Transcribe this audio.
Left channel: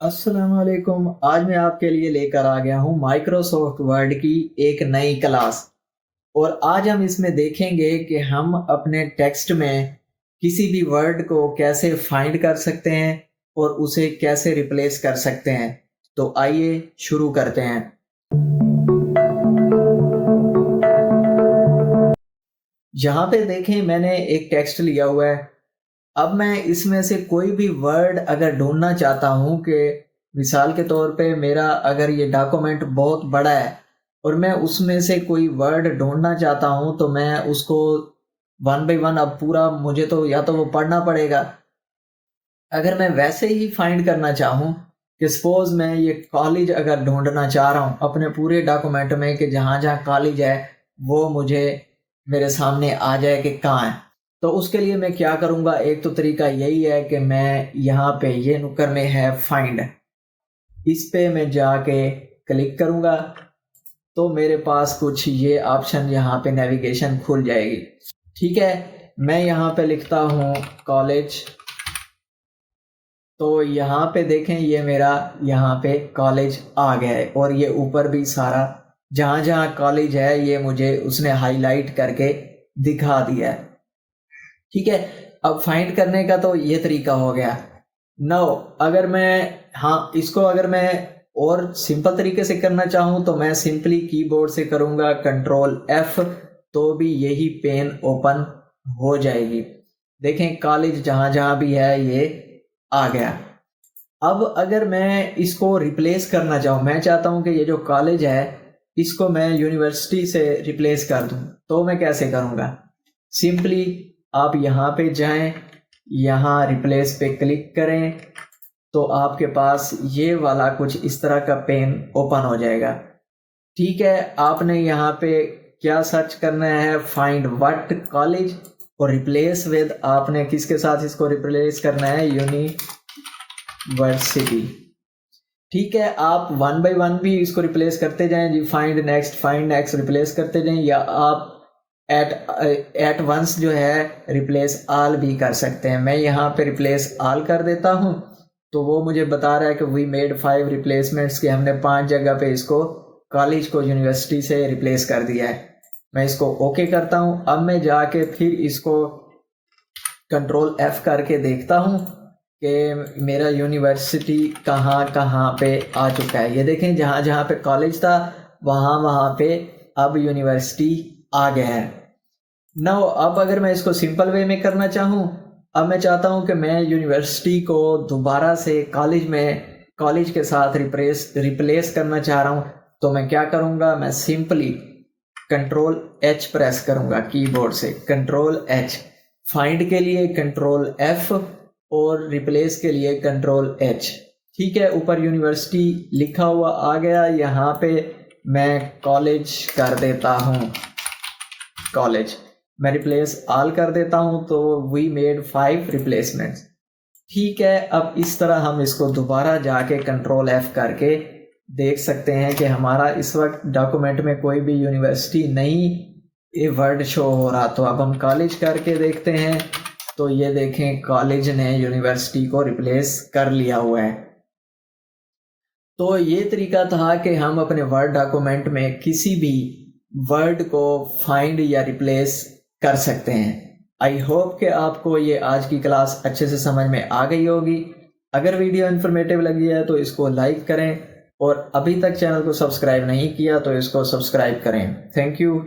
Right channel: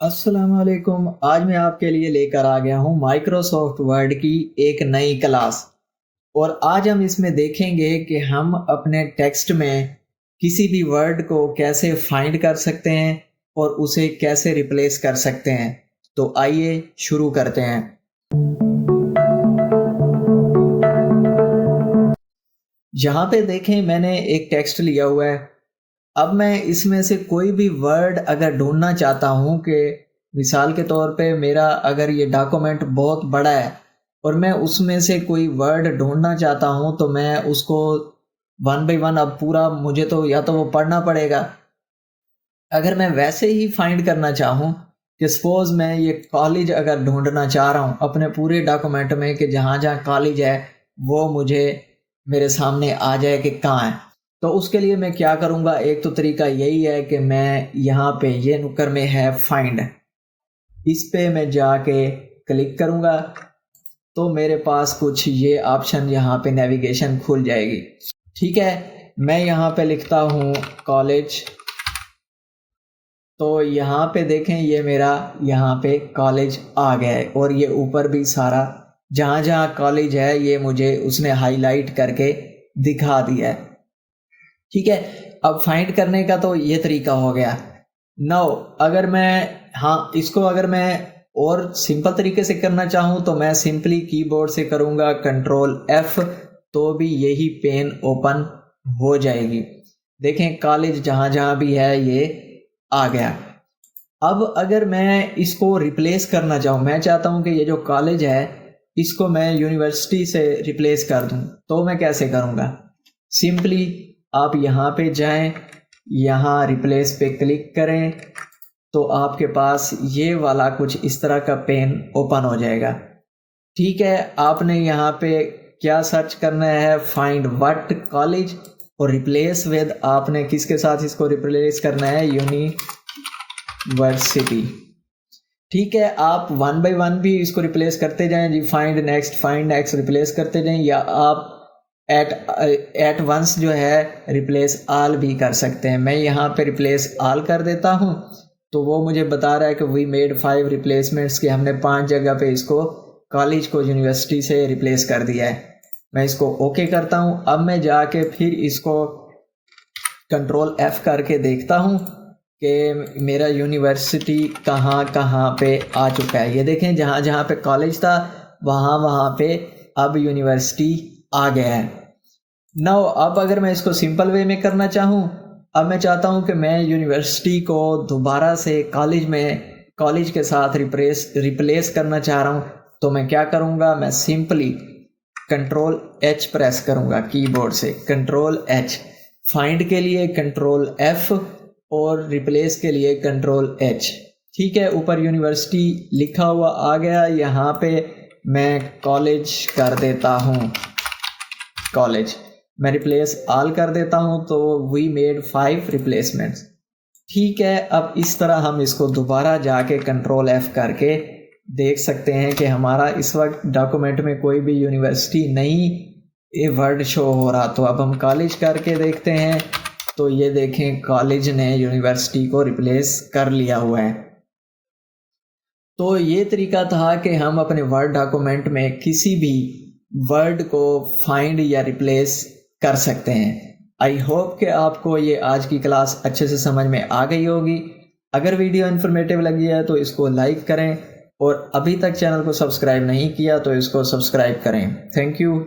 अस्सलाम वालेकुम। आज मैं आपके लिए लेकर आ गया हूँ माइक्रोसॉफ्ट वर्ड की एक नई क्लास। और आज हम इसमें देखेंगे कि हम अपने टेक्स्ट में किसी भी वर्ड को कैसे फाइंड कर सकते हैं और उसे कैसे रिप्लेस कर सकते हैं। तो आइए शुरू करते हैं। यहाँ पे देखें, मैंने एक टेक्स्ट लिया हुआ है। अब मैं इसमें से कोई भी वर्ड अगर ढूंढना चाहता हूँ कि मिसाल के तौर पे मेरा अगर ये डॉक्यूमेंट बहुत बड़ा है और मैं उसमें से कोई वर्ड ढूंढना चाहता हूँ, तो मैं उसको वन बाय वन अब पूरा मुझे तो या तो वो पढ़ना पड़ेगा। अगर मैं वैसे ही फाइंड करना चाहूँ कि सपोज मैं ये कॉलेज अगर ढूंढना चाह रहा हूँ अपने पूरे डॉक्यूमेंट में कि जहाँ जहाँ कॉलेज है वो मुझे मेरे सामने आ जाए कि कहाँ है, तो उसके लिए मैं क्या करूँगा। एक तो तरीका यही है कि मैं यहाँ पे ये नुक्कर में है फाइंड, इस पे मैं जाके क्लिक करूँगा तो मेरे पास कुछ ये ऑप्शन यहाँ पे नेविगेशन खुल जाएगी। ठीक है, मैं यहाँ पे लिखता हूँ कॉलेज, तो यहाँ पे देखें ये मेरा यहाँ पे कॉलेज आ गया है और ये ऊपर भी सारा जहाँ जहाँ कॉलेज है ये मुझे उसने हाईलाइट करके दिखा दिया है। ठीक है, अब फाइंड करने का तो ये तरीका हो गया। नाउ अगर मैं इसको अगर मैं और सिंपल तरीके से करना चाहूँ तो मैं सिंपली कीबोर्ड से करूँगा कंट्रोल एफ, तो भी यही पेन ओपन हो जाएगी। देखें कॉलेज जहाँ जहाँ भी है ये आ गया। अब अगर मैं इसको रिप्लेस करना चाहूँ, मैं चाहता हूँ कि ये जो कॉलेज है इसको मैं यूनिवर्सिटी से रिप्लेस कर दूँ, तो मैं कैसे करूँगा। सिंपली आप यहाँ पे जाएं, यहाँ रिप्लेस पे क्लिक करें तो आपके पास ये वाला कुछ इस तरह का पेन ओपन हो जाएगा। ठीक है, आपने यहाँ पे क्या सर्च करना है, फाइंड व्हाट कॉलेज, और रिप्लेस विद आपने किसके साथ इसको रिप्लेस करना है, यूनिवर्सिटी। ठीक है, आप वन बाय वन भी इसको रिप्लेस करते जाएं जी, फाइंड नेक्स्ट रिप्लेस करते जाएं, या आप एट वंस जो है रिप्लेस आल भी कर सकते हैं। मैं यहाँ पे रिप्लेस आल कर देता हूँ तो वो मुझे बता रहा है कि वी मेड 5 रिप्लेसमेंट्स, कि हमने 5 जगह पे इसको कॉलेज को यूनिवर्सिटी से रिप्लेस कर दिया है। मैं इसको ओके करता हूँ। अब मैं जाके फिर इसको कंट्रोल एफ करके देखता हूँ कि मेरा यूनिवर्सिटी कहाँ कहाँ पे आ चुका है। ये देखें जहाँ जहाँ पे कॉलेज था वहाँ वहाँ पे अब यूनिवर्सिटी आ गया है। नाउ अब अगर मैं इसको सिंपल वे में करना चाहूँ, अब मैं चाहता हूँ कि मैं यूनिवर्सिटी को दोबारा से कॉलेज के साथ रिप्लेस करना चाह रहा हूँ, तो मैं क्या करूँगा, मैं सिंपली कंट्रोल एच प्रेस करूँगा कीबोर्ड से, कंट्रोल एच, फाइंड के लिए कंट्रोल एफ और रिप्लेस के लिए कंट्रोल एच। ठीक है, ऊपर यूनिवर्सिटी लिखा हुआ आ गया, यहाँ पे मैं कॉलेज कर देता हूँ, कॉलेज मैं रिप्लेस आल कर देता हूं तो वी मेड 5 रिप्लेसमेंट्स। ठीक है, अब इस तरह हम इसको दोबारा जाके कंट्रोल एफ करके देख सकते हैं कि हमारा इस वक्त डॉक्यूमेंट में कोई भी यूनिवर्सिटी नहीं ये वर्ड शो हो रहा। तो अब हम कॉलेज करके देखते हैं, तो ये देखें कॉलेज ने यूनिवर्सिटी को रिप्लेस कर लिया हुआ है। तो ये तरीका था कि हम अपने वर्ड डॉक्यूमेंट में किसी भी वर्ड को फाइंड या रिप्लेस कर सकते हैं। आई होप कि आपको ये आज की क्लास अच्छे से समझ में आ गई होगी। अगर वीडियो इन्फॉर्मेटिव लगी है तो इसको लाइक करें और अभी तक चैनल को सब्सक्राइब नहीं किया तो इसको सब्सक्राइब करें। Thank you.